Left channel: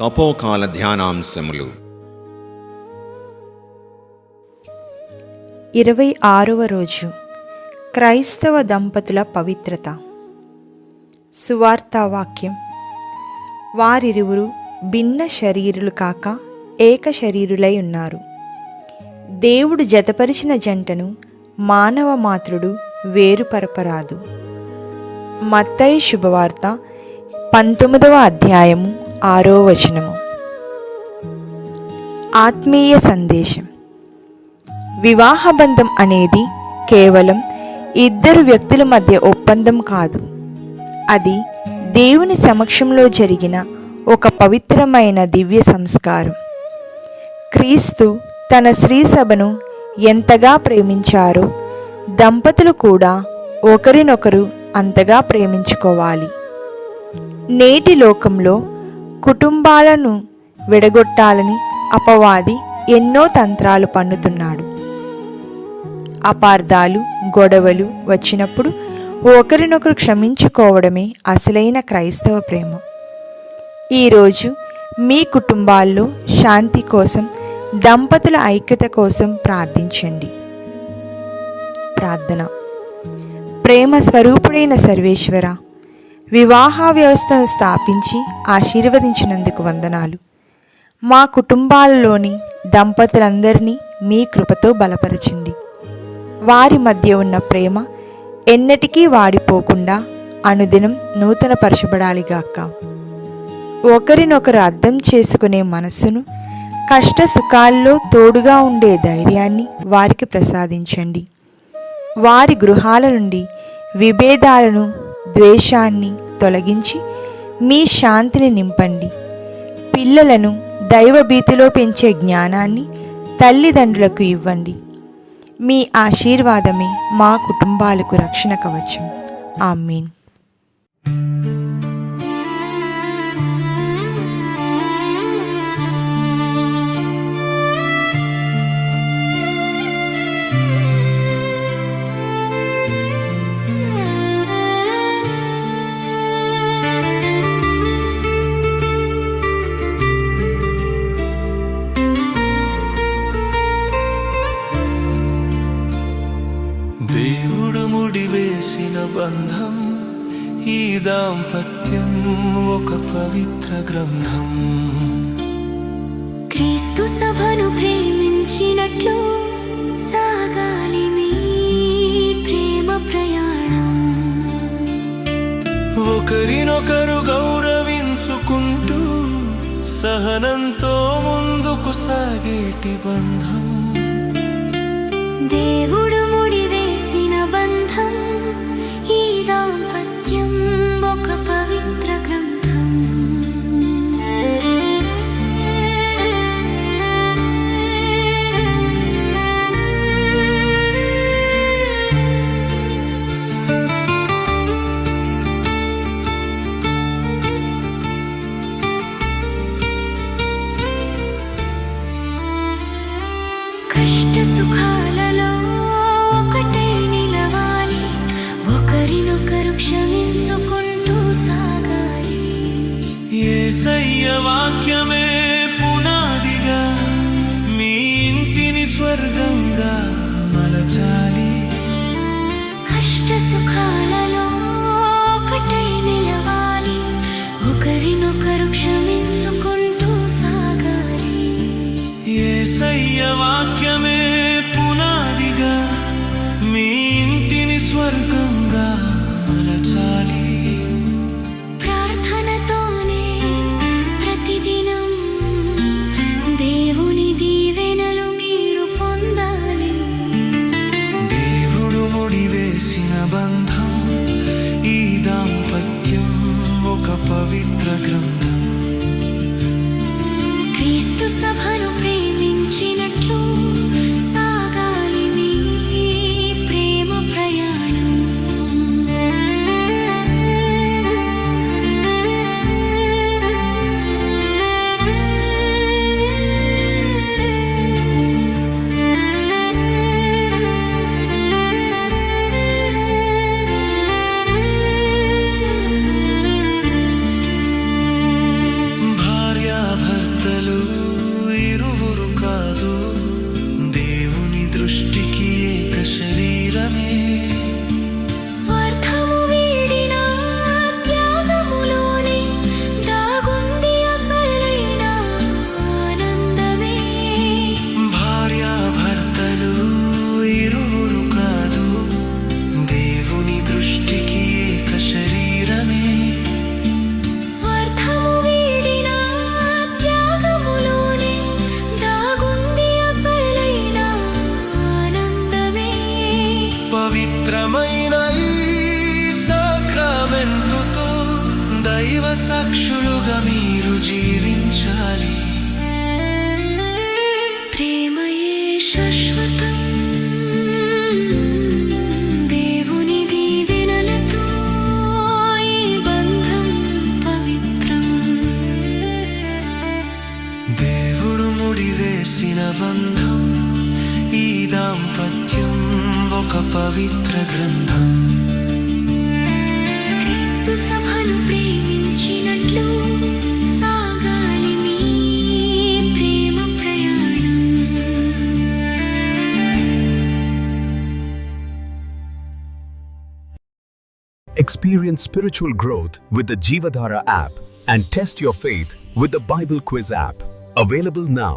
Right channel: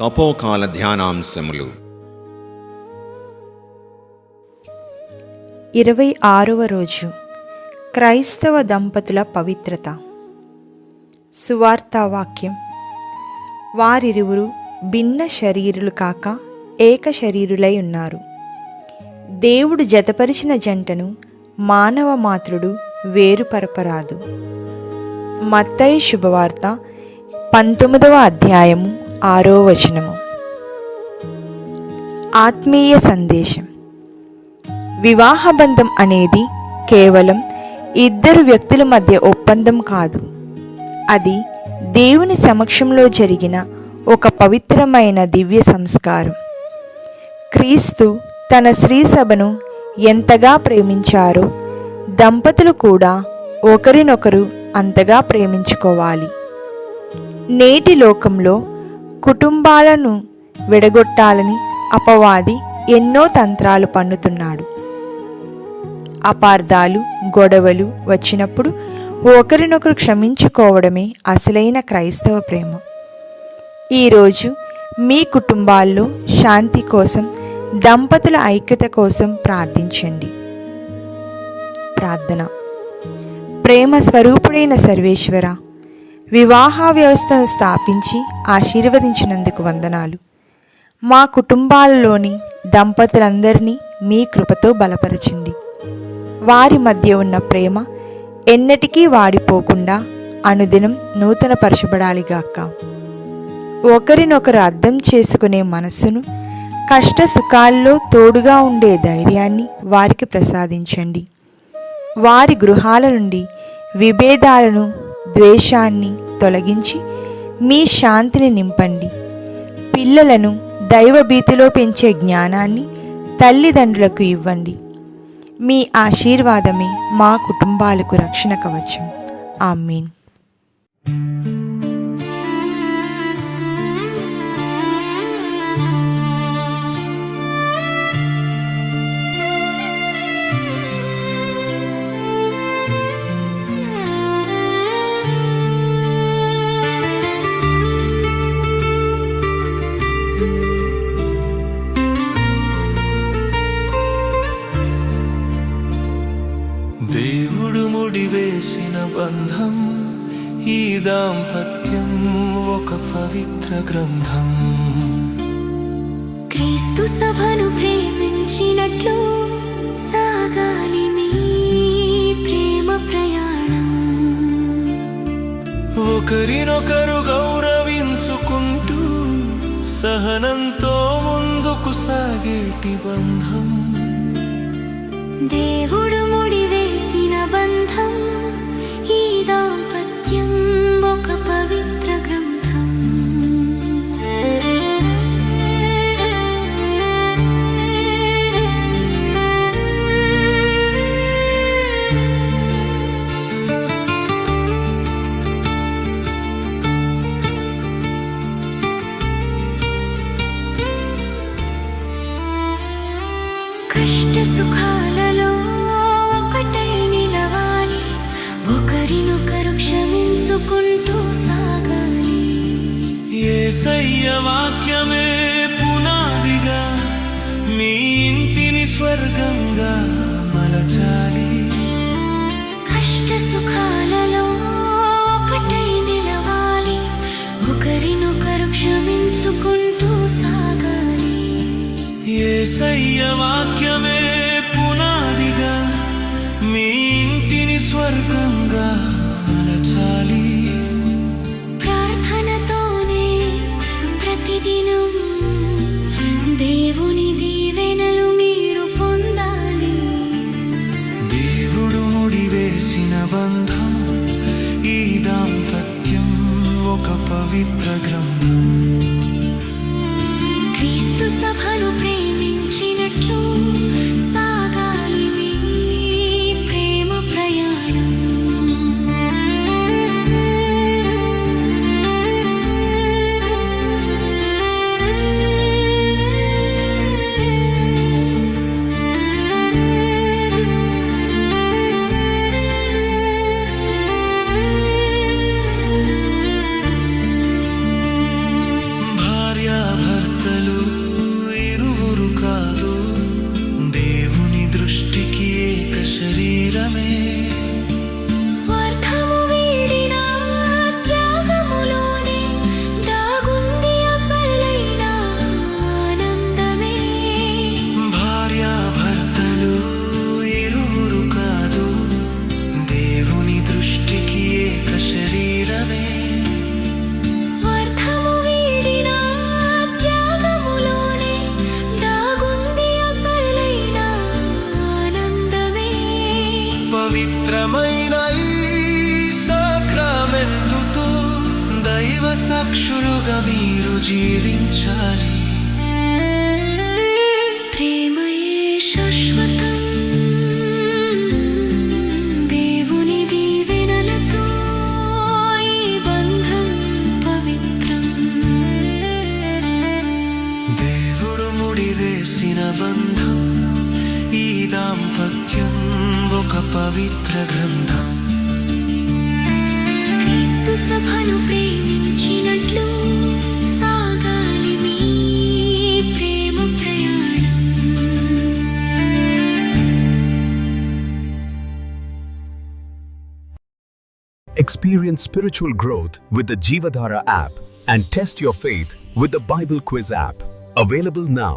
తపోకాల ధ్యానాంశములు 26వ రోజు క్రైస్తవ దంపతుల పవిత్రత. సువార్తావాక్యం. వారిరువురు భిన్న శరీరులు కాక ఏక శరీరులై ఉన్నారు. దేవుడు జతపరిచిన జంటను మానవ మాతృడు వేరుపరపరాదు. మత్తయి శుభవార్త 19వ అధ్యాయము 6వ వచనము. ఆత్మీయ సందేశం. వివాహబంధం అనేది కేవలం ఇద్దరు వ్యక్తుల మధ్య ఒప్పందం కాదు. అది దేవుని సమక్షంలో జరిగిన ఒక పవిత్రమైన దివ్య సంస్కారం. క్రీస్తు తన స్త్రీ సభను ఎంతగా ప్రేమించారో దంపతులు కూడా ఒకరినొకరు అంతగా ప్రేమించుకోవాలి. నేటి లోకంలో కుటుంబాలను విడగొట్టాలని అపవాది ఎన్నో తంత్రాలు పన్నుతున్నాడు. అపార్థాలు, గొడవలు వచ్చినప్పుడు ఒకరినొకరు క్షమించుకోవడమే అసలైన క్రైస్తవ ప్రేమ. ఈరోజు మీ కుటుంబాల్లో శాంతి కోసం, దంపతుల ఐక్యత కోసం ప్రార్థించండి. ప్రార్థన. ప్రేమ స్వరూపుడైన సర్వేశ్వర, వివాహ వ్యవస్థను స్థాపించి ఆశీర్వదించినందుకు వందనాలు. మా కుటుంబాలలోని దంపతులందరినీ మీ కృపతో బలపరచండి. వారి మధ్య ఉన్న ప్రేమ ఎన్నటికీ వాడిపోకుండా అనుదినం నూతనపరచబడాలిగాక. ఒకరినొకరు అర్థం చేసుకునే మనస్సును, కష్ట సుఖాల్లో తోడుగా ఉండే ధైర్యాన్ని వారికి ప్రసాదించండి. వారి గృహాల నుండి విభేదాలను, ద్వేషాన్ని తొలగించి మీ శాంతిని నింపండి. పిల్లలను దైవభీతిలో పెంచే జ్ఞానాన్ని తల్లిదండ్రులకు ఇవ్వండి. మీ ఆశీర్వాదమే మా కుటుంబాలకు రక్షణ కవచం. ఆమేన్. దేవుడు ముడివేసిన బంధం, ఈ దాంపత్యం ఒక పవిత్ర గ్రంథం. క్రీస్తు సభను ప్రేమించినట్లు సాగాలి మీ ప్రేమ ప్రయాణం. ఒకరినొకరు గౌరవించుకుంటూ సహనంతో ముందుకు సాగేటి బంధం. దేవుడు ముడివేసిన బంధం, ఈ దాంపత్యం ఒక పవిత్ర గ్రంథం. కష్ట సుఖాలలో ఒకటై నిలవాలి, ఒకరినొకరు క్షమించుకుంటూ సాగాలి. యేసయ్య వాక్యమే పునాదిగా మీ ఇంటిని స్వర్గంగా మలచాలి. కష్ట సుఖాలలో ఒకటై నిలవాలి, ఒకరినొకరు క్షమించుకుంటూ సాగాలి. యేసయ్య వాక్యమే పునాదిగా మీ ఇంటిని స్వర్గంగా మలచాలి. ప్రార్థనతోనే ప్రతిదినం దేవుని దీవెనలు మీరు పొందాలి. దేవుడు ముడివేసిన బంధం, ఈ దాంపత్యం ఒక పవిత్ర గ్రంథం. క్రీస్తు సభను ప్రేమించినట్లు సాగాలి మీ ప్రేమ ప్రయాణం. భార్యాభర్తలు ఇరువురు కాదు, దేవుని దృష్టికి ఏక శరీరమే. స్వార్థము వీడిన త్యాగములోనే దాగుంది అసలైన ఆనందమే. భార్యాభర్తలు ఇరువురు కాదు, దేవుని దృష్టికి ఏక శరీరమే. స్వార్థము వీడిన త్యాగములోనే దాగుంది అసలైన ఆనందమే. పవిత్రమైన ఈ సాక్రమెంటుతో దైవ సాక్షులుగా మీరు జీవించాలి. ప్రేమయే శాశ్వతం, దేవుని దీవెనలతో ఈ బంధం పవిత్రం. దేవుడు ముడివేసిన బంధం, ఈ దాంపత్యం ఒక పవిత్ర గ్రంథం. క్రీస్తు సభను ప్రేమించినట్లు సాగాలి మీ ప్రేమ ప్రయాణం. Experience spiritual growth with the Jeevadhara app and test your faith with the Bible Quiz app. Available now.